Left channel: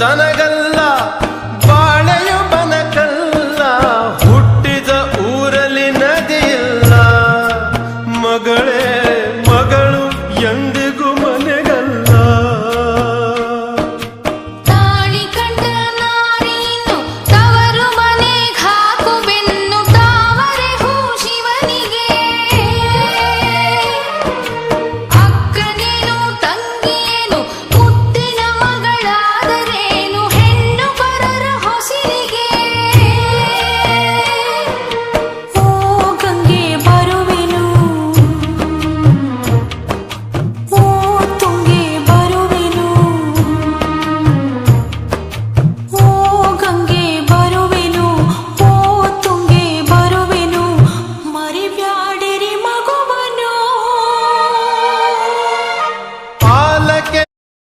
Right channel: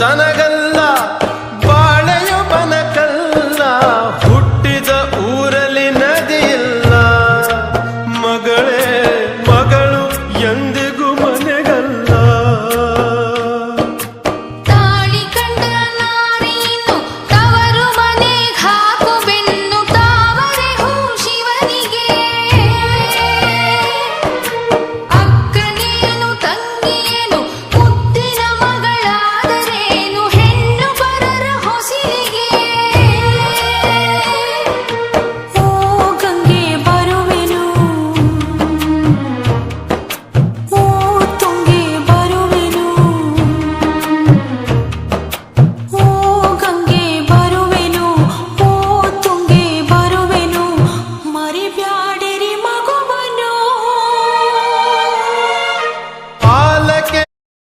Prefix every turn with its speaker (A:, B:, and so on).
A: ತನಗಲ್ಲ ಬಾಳೆಯು ಬನಕಲ್ಲ ಹುಟ್ಟಿದ ಊರಲ್ಲಿ ನದಿಯಿಲ್ಲ ಮಗಳೇ ಮಗಳು ಎಂದು
B: பாலக